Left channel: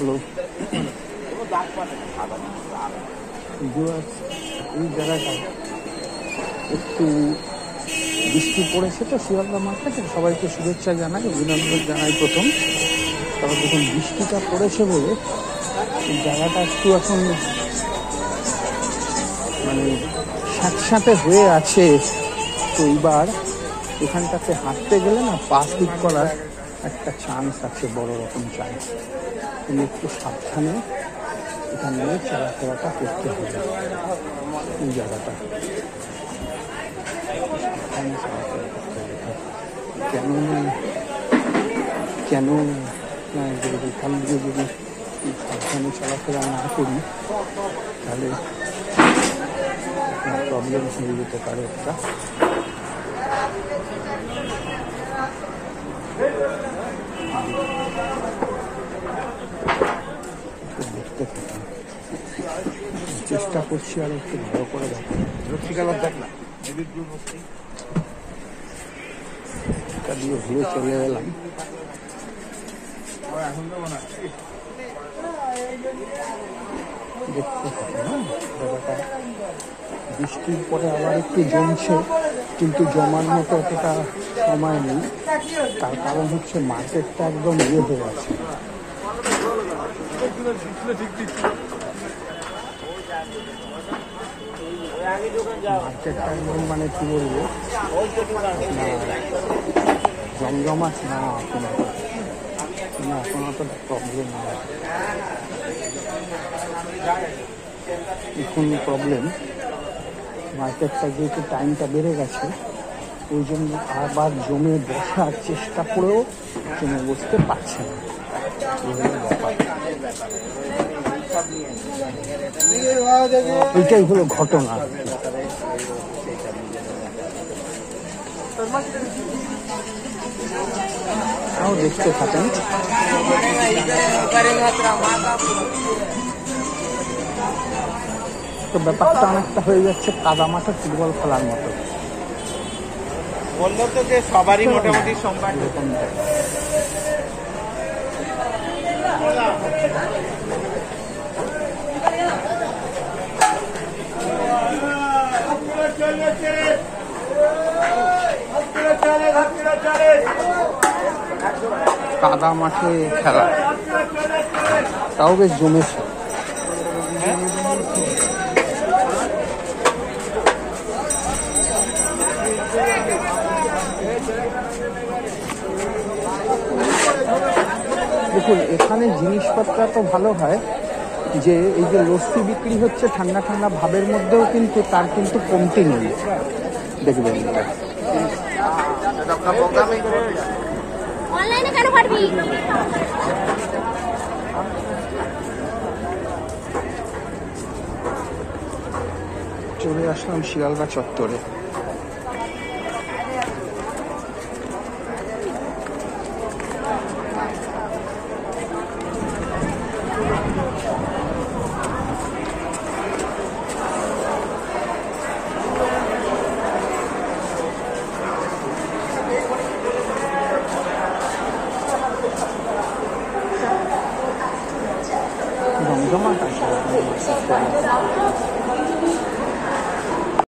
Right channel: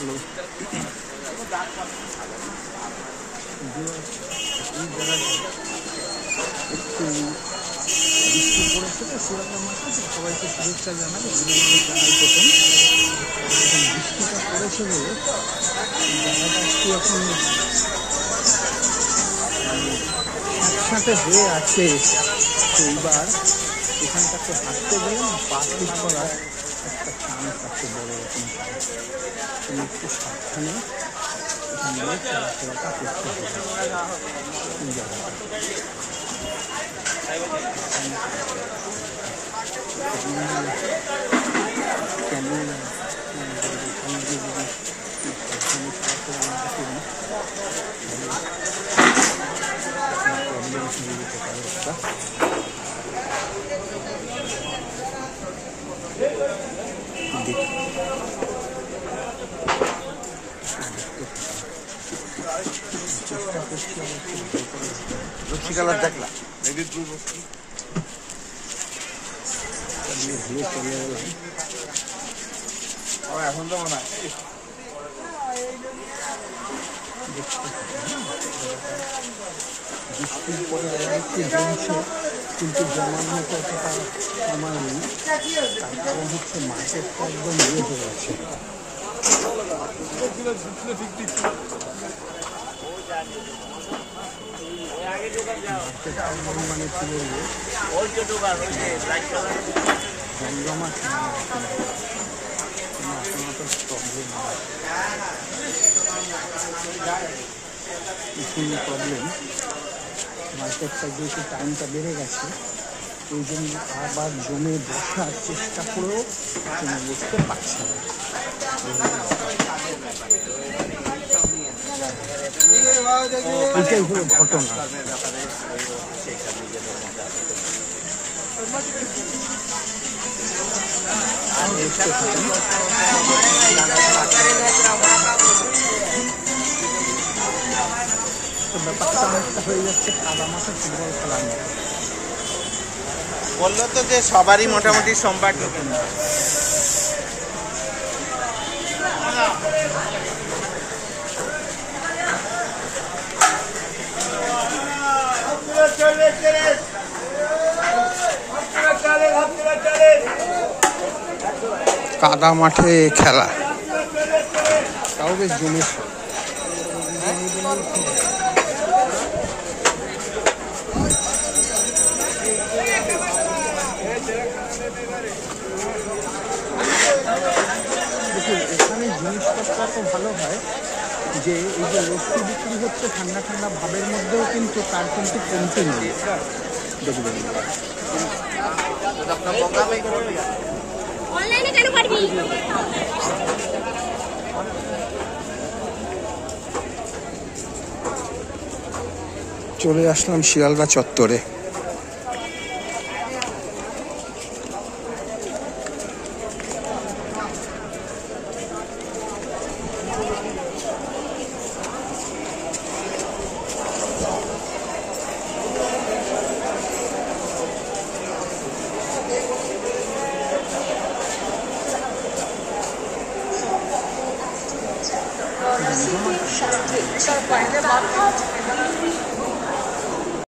Hello, এই জায়গাটা একটু বৃষ্টি পড়েছে তো শিয়ালদা মার্কেটে সবাইকে শুভেচ্ছা জানাই, অভিনন্দন জানাই প্রথম। তবে যখন বৃষ্টিটা পড়েছে বলে এই জায়গাটা একটু এখন মানে স্যাঁতস্যাঁতে হয়ে আছে। তো এইবার এখানটাতে হাঁটতে গেলে না পা ঠিক করার একটা চান্স আছে, বড় রকম চান্স। তুমি একটু সাবধানে এখান দিয়ে চলাফেরাটা করতে হবে। এই জায়গাটা কেন এখান দিয়ে যদি সাবধানে চলাফেরা না করি তাহলে প্রবলেম হয়ে যেতে পারে একটা। চেষ্টা করছি আর একটু ভালো করে দেখো। রসিকালার দেখলাম দিয়ে ঘুরে চলে এলাম। এখন তো মনে হয় দেখতে থাকি না জায়গাটা। বৃষ্টির পরে আবার একটু জমছে, কিন্তু জমার মতো অতটা সময় নেই। তার কারণ হচ্ছে মার্কেটটা একদম ইয়ে হয়ে আছে। মার্কেটটা একদম মানে কি বলবো, জমজমাট না এখন, এখন অত প্রবলেম নেই। এখন প্রবলেম মার্কেটটা যেহেতু টাইমটা বেড়ে গেছে, ওই জন্য আবার জমে বসার চেষ্টা করেও জমে বসতে পারছে না। এটাই হলো ঘটনা। দেখতে থাকেন। তো ব্যাপারটা অনেকটা হয়ে যাচ্ছে কাদা মাঠে ফুটবল খেলার মতো। বললো তো যে সবারই মোটামুটি সোমবার কাদা মাঠে খেলা, তাও বেশ জমেছে। দেখুন এখানে জিনিসপত্র তো ভালো হয় যে এই যে লস্যি বিক্রি হচ্ছে ঠান্ডা ঠান্ডা ভাবের মধ্যেও, কিন্তু তার কিন্তু কমতি নেই, দেখবেন। চলে আসলাম শিয়ালদা চত্বরে।